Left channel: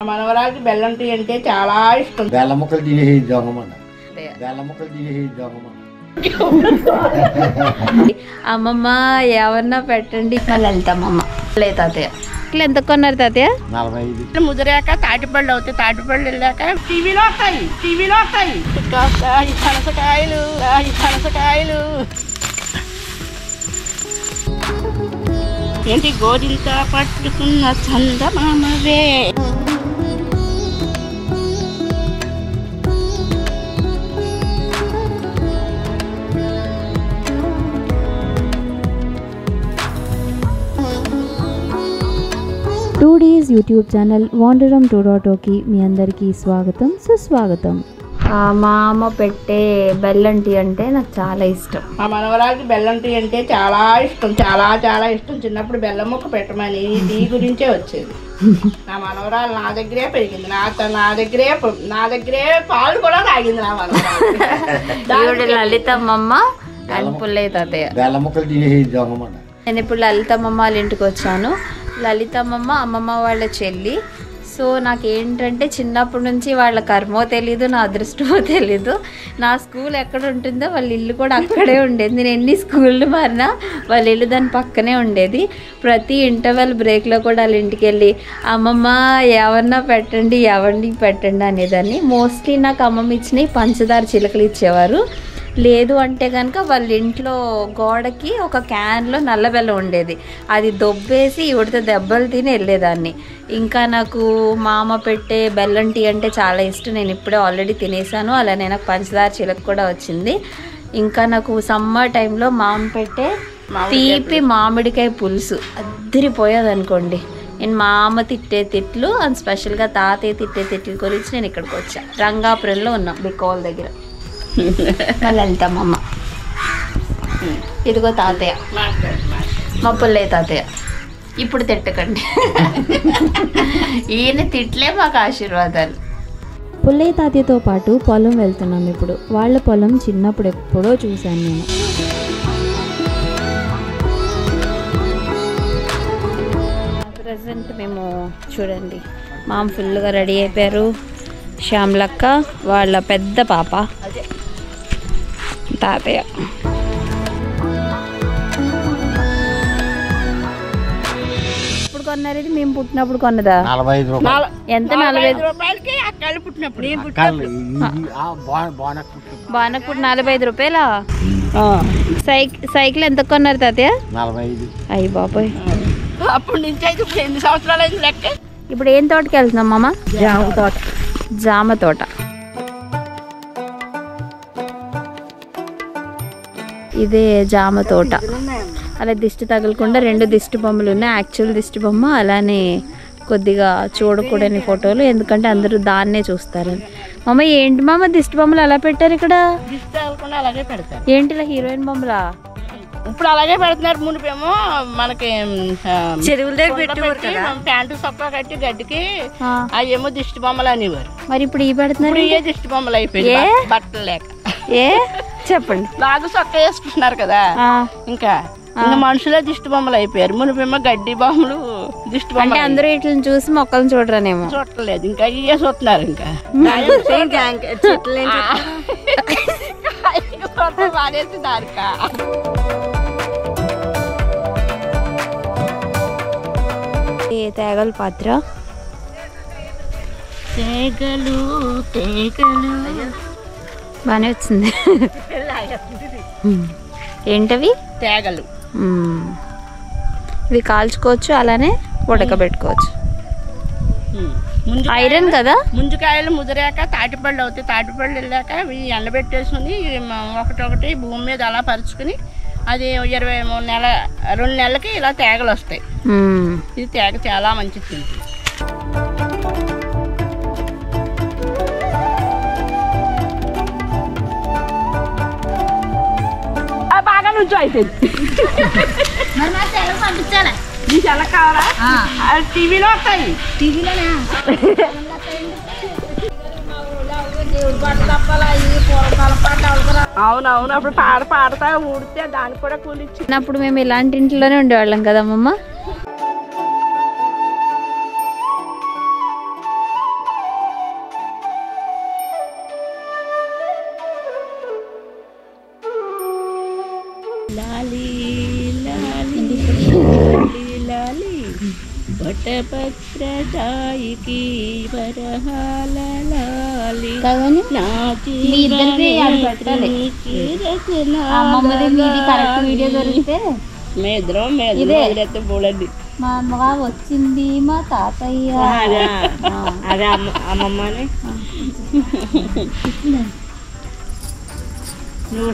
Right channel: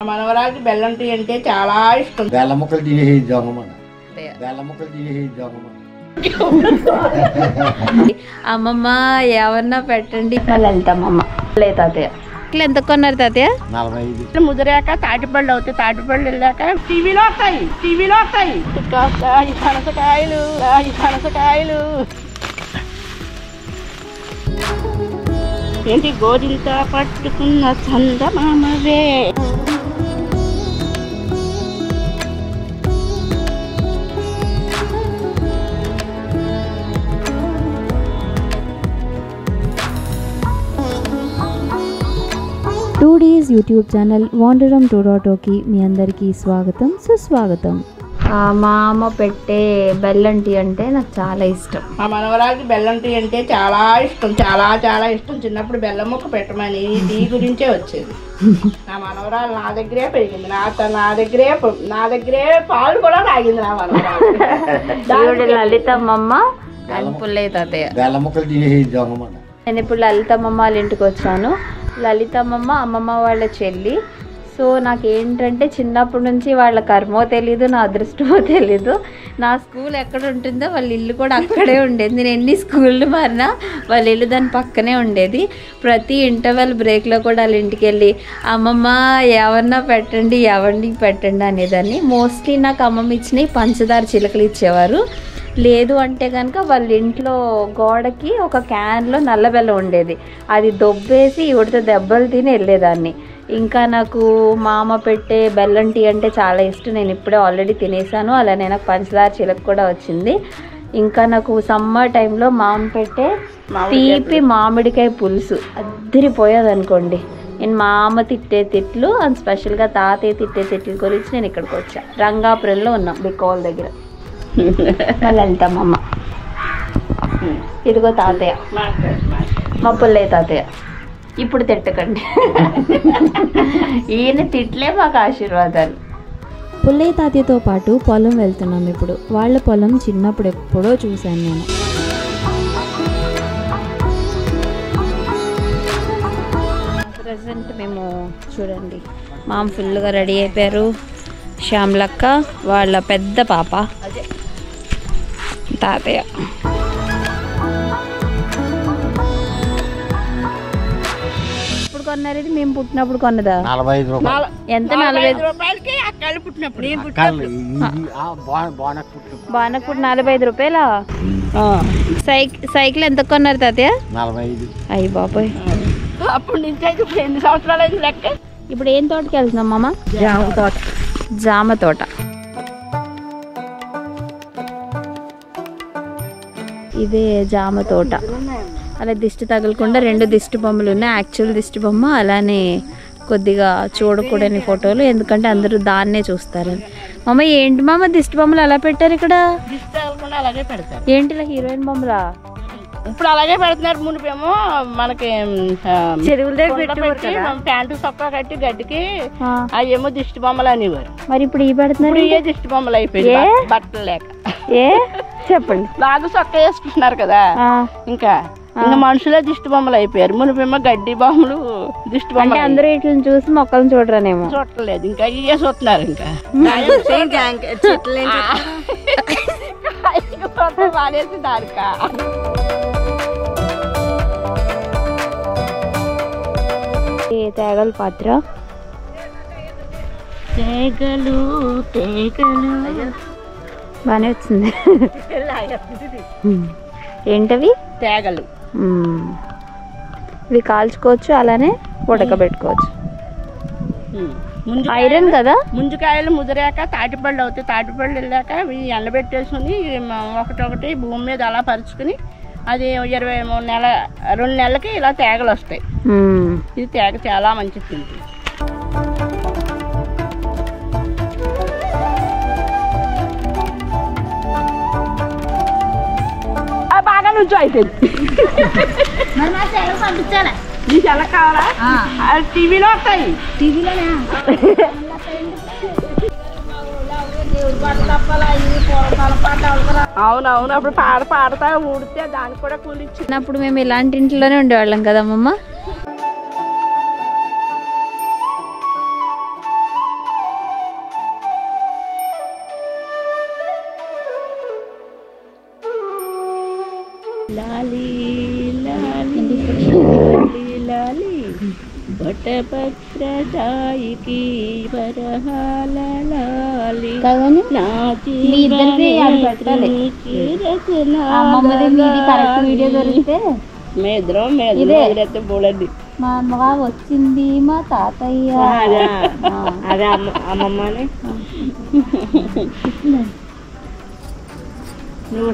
మనవరాలకి బెల్లం టీ అంటే చాలా ఇష్టం. బెల్లం ముక్కలు తినేద్దామన్న బెల్లం ముక్కలు తినేద్దామన్న అమ్మమ్మ ఏమన్నా పెట్టండి మళ్ళీ వెళ్తామమ్మ లే తాతయ్య ఇట్లా ఎంత కొన్నారు తాతయ్య? 45. ముదిరాక తాటిపళ్ళు అవుతాయి, తాటిపళ్ళు వెళ్ళాక టీవీలో వస్తాయి ఈ పనసకాయలు ఏంటి గోరింత పట్టుకున్న చందమామవే. టూడీస్ యూట్యూబ్ ఛానల్ వాండరం 2.0కి మీ అందరికీ స్వాగతం సుస్వాగతం. మా అమ్మ పెట్టే బెల్లం టీ అంటే నాకు చాలా ఇష్టం. మా మనవరాలకి బెల్లం టీ అంటే చాలా ఇష్టం, చాలా ఇష్టం. చిన్నప్పుడు బెల్లం ముక్క పెట్టమని టీ గురించే వచ్చేది. నా మనవరాలు నా దగ్గరే పెరిగింది, నా దగ్గరే పాలు కూడా తాగింది నా మనవరాలు. లలితమ్మమ్మ అండ్ పుల్లయ్య తాతయ్య బెల్లం ముక్కలు తినేద్దామన్న. నేను ఇప్పుడు లలితమ్మమ్మ వాళ్ళ ఇంటికి వచ్చాను. లలితమ్మమ్మ అమ్మమ్మ వాళ్ళ చెల్లి. సో నాకేంటంటే చిన్నప్పటి నుంచి వాళ్ళ కర్మో తెలీదు, నా అదృష్టమో తెలీదు. నా స్కూల్ ఎక్కడ ఉంటుందో వాళ్ళ ఇల్లు కూడా అక్కడే ఉండేది. నేను ఎన్ని స్కూళ్ళు మారినా వాళ్ళ ఇల్లు దాని పక్కనే ఉండేది. ప్రతి ఇంటర్వెల్ బ్రేక్లో కూడా వాళ్ళ ఇంటికి వెళ్ళి అమ్మమ్మ ఎవరన్నా పెట్టండి అనేదాన్ని. మోస్ట్లీ నాకు అమ్మమ్మ ఇచ్చినవి పంచదార చిలకలు ఇచ్చేవారు. లేదు అంటే కనుక వాళ్ళ ఇంట్లో గోడకి ఒక క్యాన్లో నల్ల బెల్లం ఉండేది, అది దొబ్బేసి ఇవిడితో దెబ్బలు తిని వెళ్ళేదాన్ని. ఇంకా నాకు మా అమ్మ పెట్టే బెల్లం టీ అంటే చాలా ఇష్టం. నేను ఇప్పుడే ఆల్రెడీ తినేసాను. అలానే నాకు పంచదార చిలక కూడా వచ్చింది. ఇంకా నాకు సమ్మర్ టైంలో మా అమ్మ పెట్టే తీపి మామిడికాయ పులుసు అద్దరిపోయేది అనుకోండి. నేను మా అమ్మ తిట్టే తిట్లు అండ్ స్పెషల్గా తాతయ్య తిట్టే తిట్లు గురించి నేను ఇక్కడికి వచ్చా. రంగాపురంలో ఉన్నాం బికోల్ దగ్గర. మళ్ళీ వెళ్తామమ్మ. ఇదిగో తాతయ్య, మా పుల్లయ్య తాతయ్య. ఇప్పుడు తిట్టకండి, ఈయన తిట్లే మాకు ఆశీర్వాదాలు. పుల్లయ్య తాతయ్యతో పాటు పొలం వెళ్తున్నాం ఇప్పుడు. వాళ్ళ పొలం చిన్నప్పుడు ఎప్పుడో చూశాను నేను. ప్రజెంట్ మేము చూడండి మా అమ్మ ఫుల్గా రెడీ అయిపోయారు. శ్యామలక్క వాళ్ళ పెద్ద పాప తాతయ్య. ఇప్పుడు కొన్నారు ఇది? మేము పుట్టినప్పుడు కొన్నదా? 45 రూపాయలు. ఎంత? 45 రూపాయలకి అక్కలు పుట్టినప్పుడు బానప్పుడు 45 రూపాయలా? సైకిల్ ఎంత కొన్నారు తాతయ్య? 45. అయ్యి బాబాయ్, అప్పుడు నుంచి అయితే ఇప్పుడు ఎన్ని సంవత్సరాలు అయింది లెక్క. ఇప్పుడు ఏం తోటకి వెళ్తున్నాం మామ? జామ తోట. ఇదే జామ తోట. అలా దిష్టి తగలకుండా 2 దిష్టి బొమ్మలు ఉన్నాయి. యాక్చువల్ దిష్టి బొమ్మ, అలానే కొద్దిగా చూడకూడని ఫోటోలు, ఎందుకంటే అందరూ దాన్నే చూస్తారని. మామ ఏంటి మామ దిష్టి బొమ్మలు అలా పెట్టారు ఇక్కడ? దిష్టి తగలకుండా అలాగే పెడతారు. ఏంటి ఇలా హీరోయిన్ బొమ్మలా? ఇప్పుడు అలాగే పెడుతున్నారు. మునిపేమో మనకి చెరువుల దగ్గర ప్యాంటు సొక్కా కట్టి గడ్డికి అవేమో దిష్టి బొమ్మలు అనేవారు. మరి ఇప్పుడు ఈ పెడుతున్నారు? ఇప్పుడు ఏ దిష్టి బొమ్మలు అయిపోయింది బట్టలు లేక. ఏ చెప్పండి. లాగు సొక్క వేసుకుంటున్నారు కదా, ఇంకా మనుషులే దిష్టి బొమ్మలు అయిపోయారు. మునిపేమో గడ్డి బొమ్మలు దిష్టి బొమ్మలు. అందరూ వీటిని చూసి మొక్కలను చూడరానేమో. చూడలేదు, ఇంకా ఇవే చూస్తున్నారు. ఇంకా మానేసి దానిక తేగల పాత్ర. తేగలు బాగానే వచ్చింది. ఏంటవి? తేగలు. ఇవి కాల్చుకోవచ్చు, అలానే ఉడకబెట్టుకోవచ్చు. ఐరన్ కదా. ముంజకాయలు ముదిరాక తాటిపళ్ళు అవుతాయి, తాటిపళ్ళు వెళ్ళాక ఇవి ఎండబెట్టేసుకుని ఒకటొకటి భూమి మీద అలా పరుచుకుని అది 2 నెలలకి ఇలా తేగలు వస్తాయి. ఇది తేగ చాలా మంచిది తింటుంది. బాగా నుంచి అయిపోయింది. నీకు ఎలా కావాలా? టీవీలో వస్తాయి. అవునవును, అప్పుడు పాడతా ఊడితే దానికి కూడా కూలి ఇచ్చింది. అప్పుడు మేము ఇలాంటి ఇంట్లోనే ఉండేవాళ్ళం కదమ్మమ్మ. వటపత్రదాయికి వరహాలి కాదని మీ ఇద్దరిది అది పెట్టాలి. అమ్మమ్మది మీది కరెక్ట్ వీడియో దొరికితే మేద్రం ఇదే. మేద్రం బోలండి. మా అమ్మగా వచ్చింది మా తాతయ్య. అదే అమ్మమ్మని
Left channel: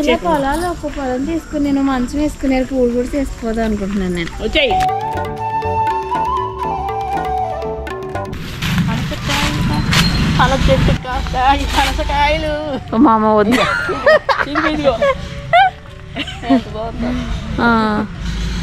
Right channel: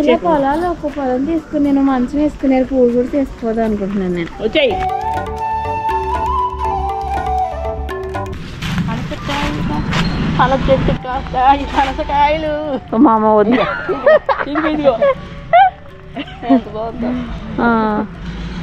ఇలా పొలాలు ఒక్క పొలం తీసుకుని నేను మంచం వేసుకునేది పూలు కూడా చేసుకోదాం అనుకుంటున్నాను నేను. వచ్చాయి. పనస చెట్టు కాస్తాయి పనసకాయలు. మా అమ్మ వద్దు. ఇదిగో ఎంత బాగుందో.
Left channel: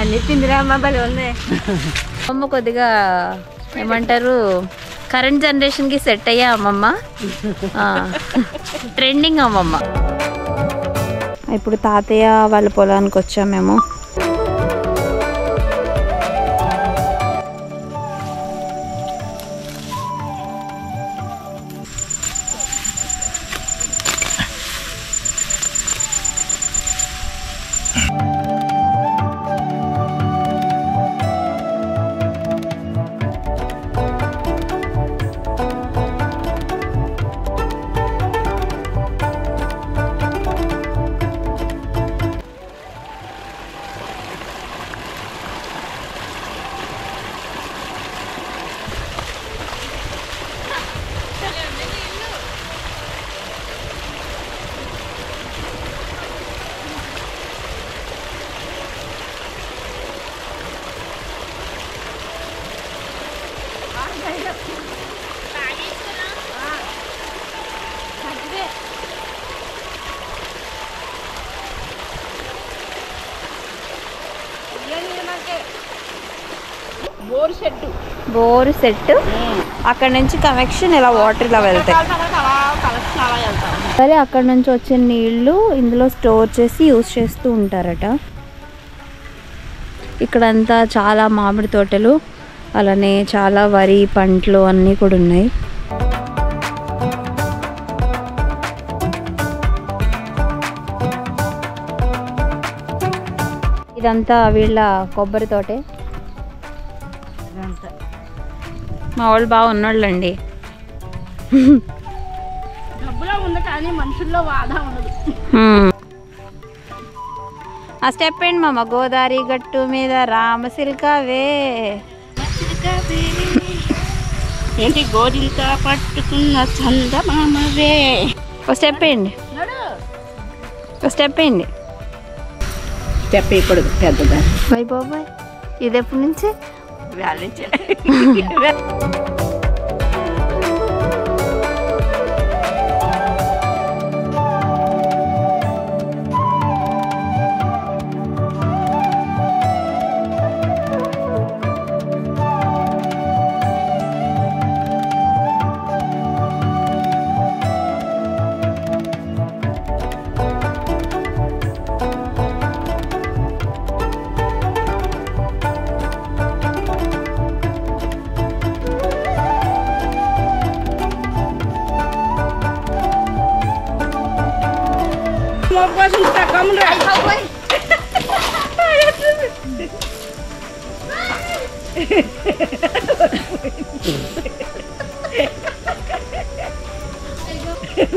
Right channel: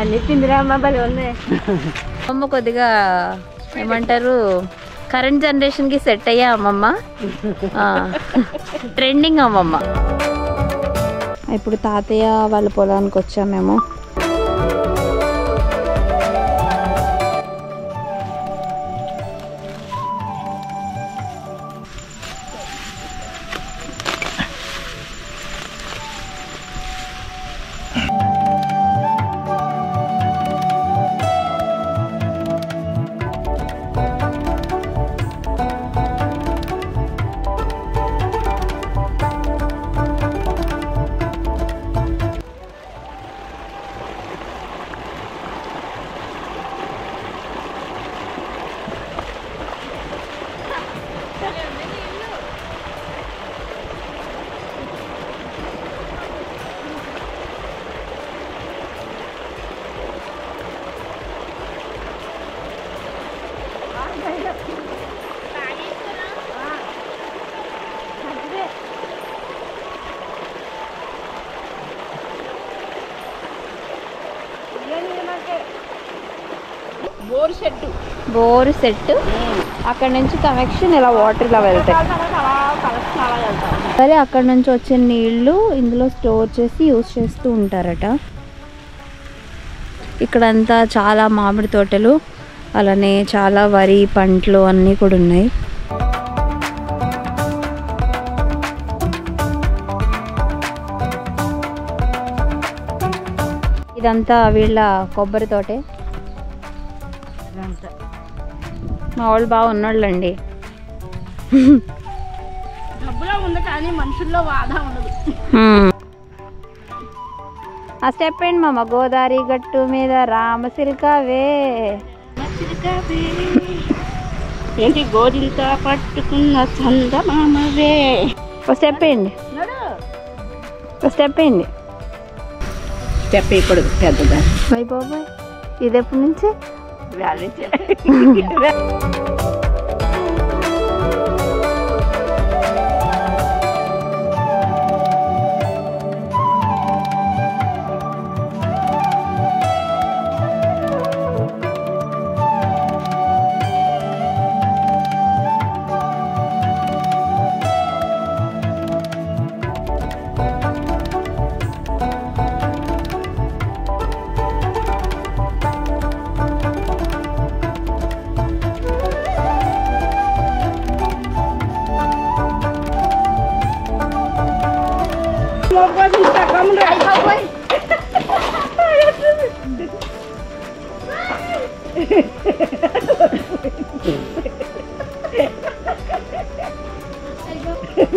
అన్ని తిందిరా అమ్మ బలి ఉన్నాయి. అమ్మ కొద్దిగా ఏమంటారు కరెంట్ జనరేషన్కి సెట్ అయ్యా అమ్మమ్మ. ట్రెండింగ్ అమ్మమ్మ. ఇప్పుడు తాతయ్య వాళ్ళ పొలానికి వచ్చాము మేము. బోర్ సెట్ అక్కడ నుంచి కనెక్షన్ ఇలా వాటర్ ఇలా వెళ్తాయి. సరే అక్కడ నుంచి వచ్చే నీళ్లు ఇందులో స్టోర్ చేసి యూజ్ చేస్తూ ఉంటారట. ఇక్కడంతా చాలా మామిడి తోటలు, అలానే చాలా వరి పంటలు అన్నీ కూడా ఉన్నాయి. ఇదంతా వీళ్ళ కొబ్బరి తోటే. మా వాళ్ళు బాగా ఉన్నోళ్ళండి. డబ్బులో ఉంది కానీ మనుషుల్లో వాదా ఉండదు. ఆ స్టెప్ ఏంటి మామ? గోదావరి గట్టు మీద రామసిల్కావే. ఏంటి గోరింత పట్టుకున్న చందమామవే. ఒక స్టెప్ ఏంటి? ఒక స్టెప్ ఏంటి? స్టెప్ ఇప్పుడు పెద్దదా. బై బాబాయ్ ఇది ఎప్పటి నుంచి?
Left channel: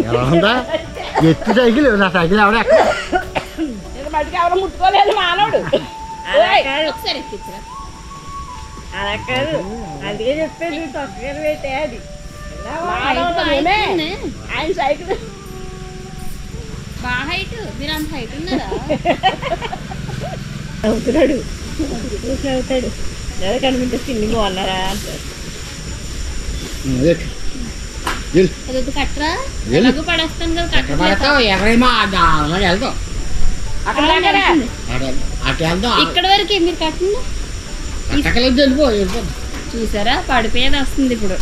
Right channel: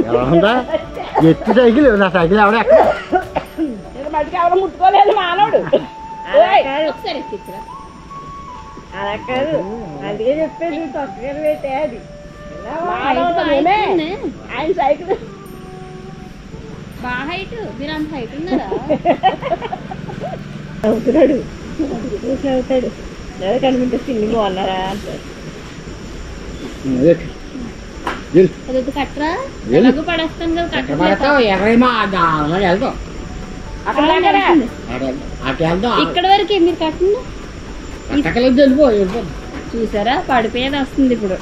ఎలా ఉందా ఎత్తి సైకిల్? నా సైకిల్ ఎవడ మటుకు ఎవరు ముట్టుకోలేదు మానవుడు. అలా కాదు, అందుకే చెప్పేది తొక్కగా పెట్టే అది. ఆయన సైకిల్ బాగా హైట్. మీరు అంత హైట్ ఉన్నారా? అవుతున్నాడు అవుతాడు. లేదా కనిపింటే తిండి బాగున్నారా అంటారు. కట్టరా ఎలాగో పడేస్తాను కదా. ఇక్కడ వరకు మీరు కట్టండి. చూసారా పడిపోయేది వస్తుంది ఇప్పుడు.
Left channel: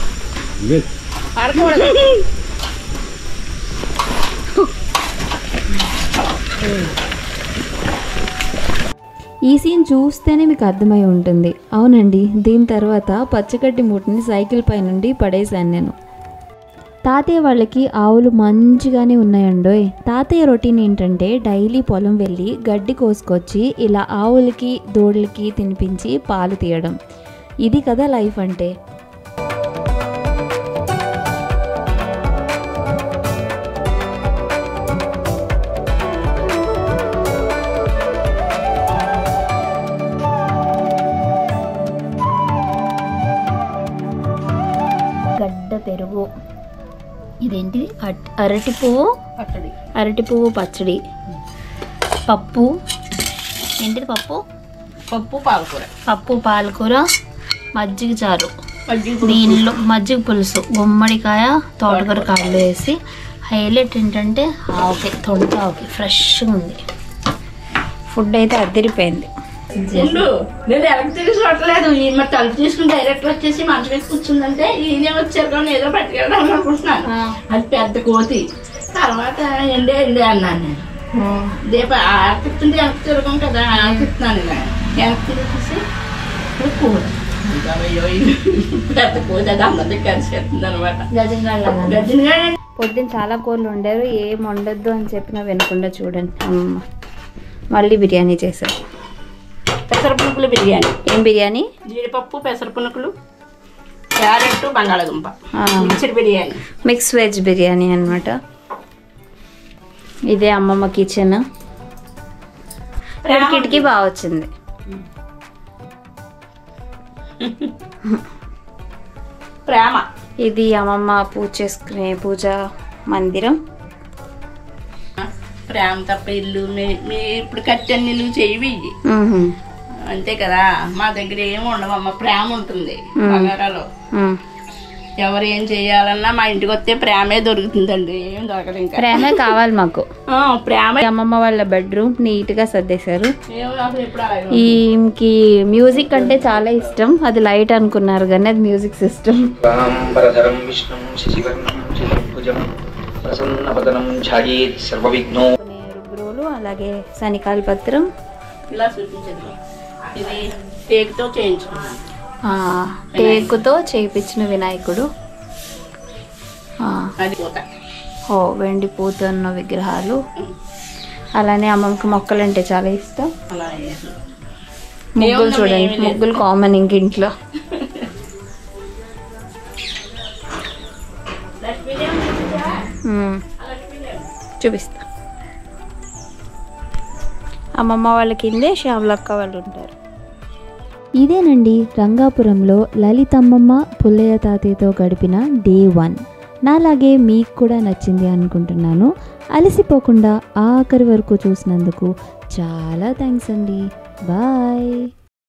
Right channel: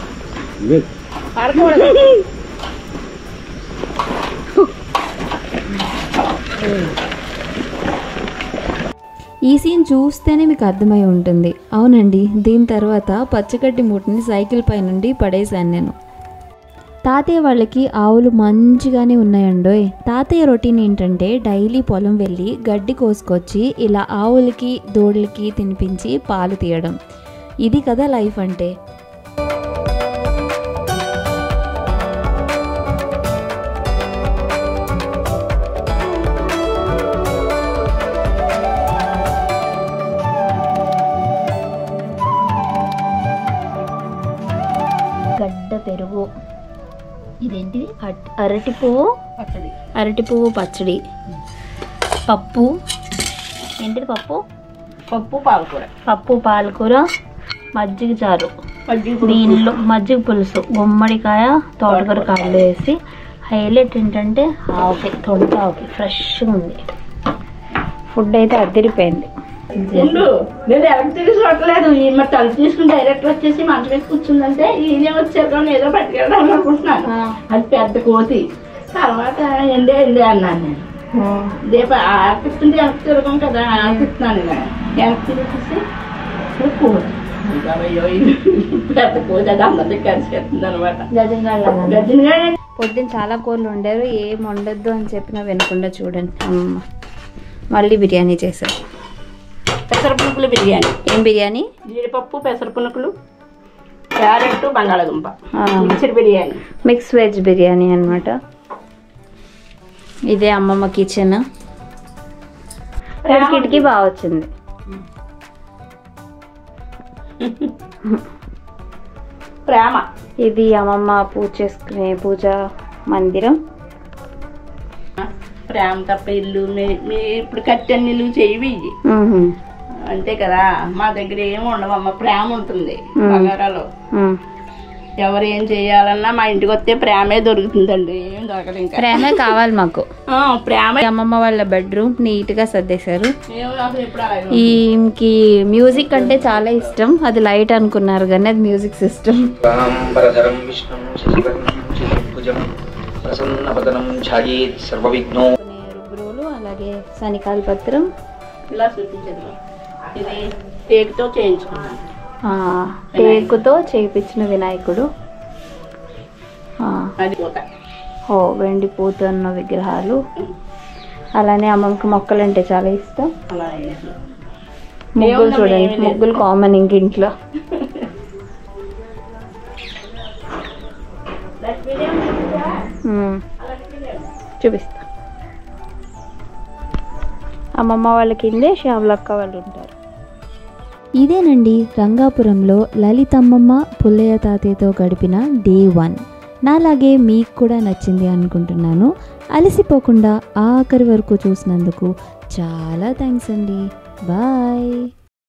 ఈ సీన్ చూస్తేనే మీకు అర్థమై ఉంటుంది. అవునండి, దీని తర్వాత పచ్చగడ్డి మూటని సైకిల్ పై నుండి పడేశాను నేను. తాతయ్య వాళ్ళకి ఆవులు మంచిగానే ఉన్నాయండోయ్. తాతయ్య రొటీన్ ఏంటంటే డైలీ పొలం వెళ్ళి గడ్డి కోసుకొచ్చి ఇలా ఆవులకి దూడలకి తినిపించి పాలు తీయడం. ఇది కదా లైఫ్ అంటే. గడ్డ పెరుగు, ఇదేంటి అరటి పువ్వు పచ్చడి, అరటి పువ్వు పచ్చడి, పప్పు ఏంటిది పప్పు పాలకూర, పప్పు పాలకూర, మజ్జిగ చారు, మజ్జిగ దీనిలో మజ్జిగ పులుసు, గుమ్మడికాయ తోటకూర కాళ్ళు వేసి. హైలైట్ ఏంటంటే ఆవకాయ, తొండ ఆవకాయ ఫ్రెష్గా ఉంది. ఫుడ్ అయితే అదిరిపోయింది. ఉండు, నేను ఎలక్ట్రిక్ తిరిగి చూడలేదు. మరి తలుపు తీసుకుని డైరెక్ట్ వచ్చేసి మంచం వేసి కూర్చుందంటే ఈయనే వచ్చారు కానీ ఏదో పట్టుకెళ్ళడం అనుకుంటున్నాను. అది పెద్ద కోతి. తర్వాత ఎండే అన్నాను నేను. దీప ఆర్తిస్తుంటే వెనక్కి తిరగం కదా, ఆర్తిస్తున్నాను ఇలా వెనక్కి తిరిగేసి కోతి. అయ్యో పెద్ద కోతి, అది అందరికి కలిసేస్తుంది అనమాట. గజంగా పొద్దున్న చాలా కూరలు వండారు, ఏం వండొద్దు అని చెప్పినా వినకుండా చూడండి అమ్మ మళ్ళీ బిర్యానీ చేశారు. పెసరపునుకులు బిర్యానీ. ఏం బిర్యానీ? జీడిపప్పు, పెసరపునుకులు, క్యారెట్, బంగాళదుంప mixed biryani, mix veg biryani అనమాట. ఇదే అమ్మమ్మ కిచెన్. కిటికీ బాగా వచ్చింది. ప్రేమ. ఇది అమ్మమ్మ పూజ చేసుకునే పూజ మందిరం. ప్రేమ తప్ప ఇల్లు మీ ఇప్పుడు కట్టెన్ని ఇల్లు చేయవి అంతే కదా. మా దగ్గర ఏమి ఉండవమ్మ, ప్రేమ ఉంటుంది బంగారాలో. ఎవరు ఏం చేయాలన్నా మా ఇంటికి వస్తే ప్రేమే దొరుకుతుందండి, ఏం దొరకదు. ఇంకా ప్రేమే కావాలి మాకు. ప్రేమ. అమ్మమ్మ వాళ్ళ బెడ్రూమ్ నీట్ గా సర్దేశారు. ఎప్పుడు ఈమెకి మ్యూజిక్ అంటే చాలా ఇష్టం. అది లైట్ అనుకున్నారు కానీ అది మ్యూజిక్ సిస్టమ్. రుబ్రోలు, అలాగే శనికాల పత్రం. ఇలా చూపించదు. ఇది టేకుతో చేయించుకున్నాను. టేకుతో చేయించిన వినాయకుడు. అది పూత. ఓ వెండి పూత ఉన్న విగ్రహాలు. అలానే అమ్మమ్మకి మొక్కలు అంటే చాలా ఇష్టం. అలా ముగ్గులు చూడండి, ముగ్గులు కామన్ ఇంక ఇంట్లో. చూపిస్తా. అమ్మమ్మ వాళ్ళ కిందే శ్యామలక్క వాళ్ళు ఉంటారు. ఇదేనండి రంగాపురంలో లలితమ్మమ్మ పుల్లయ్య తాతయ్యతో గడిపిన డే 1. నాలాగే మీకు కూడా నచ్చింది అనుకుంటున్నాను. అలసిపోకుండా ఆఖరి వరకు చూసినందుకు చాలా థ్యాంక్స్ అండి. బాయ్.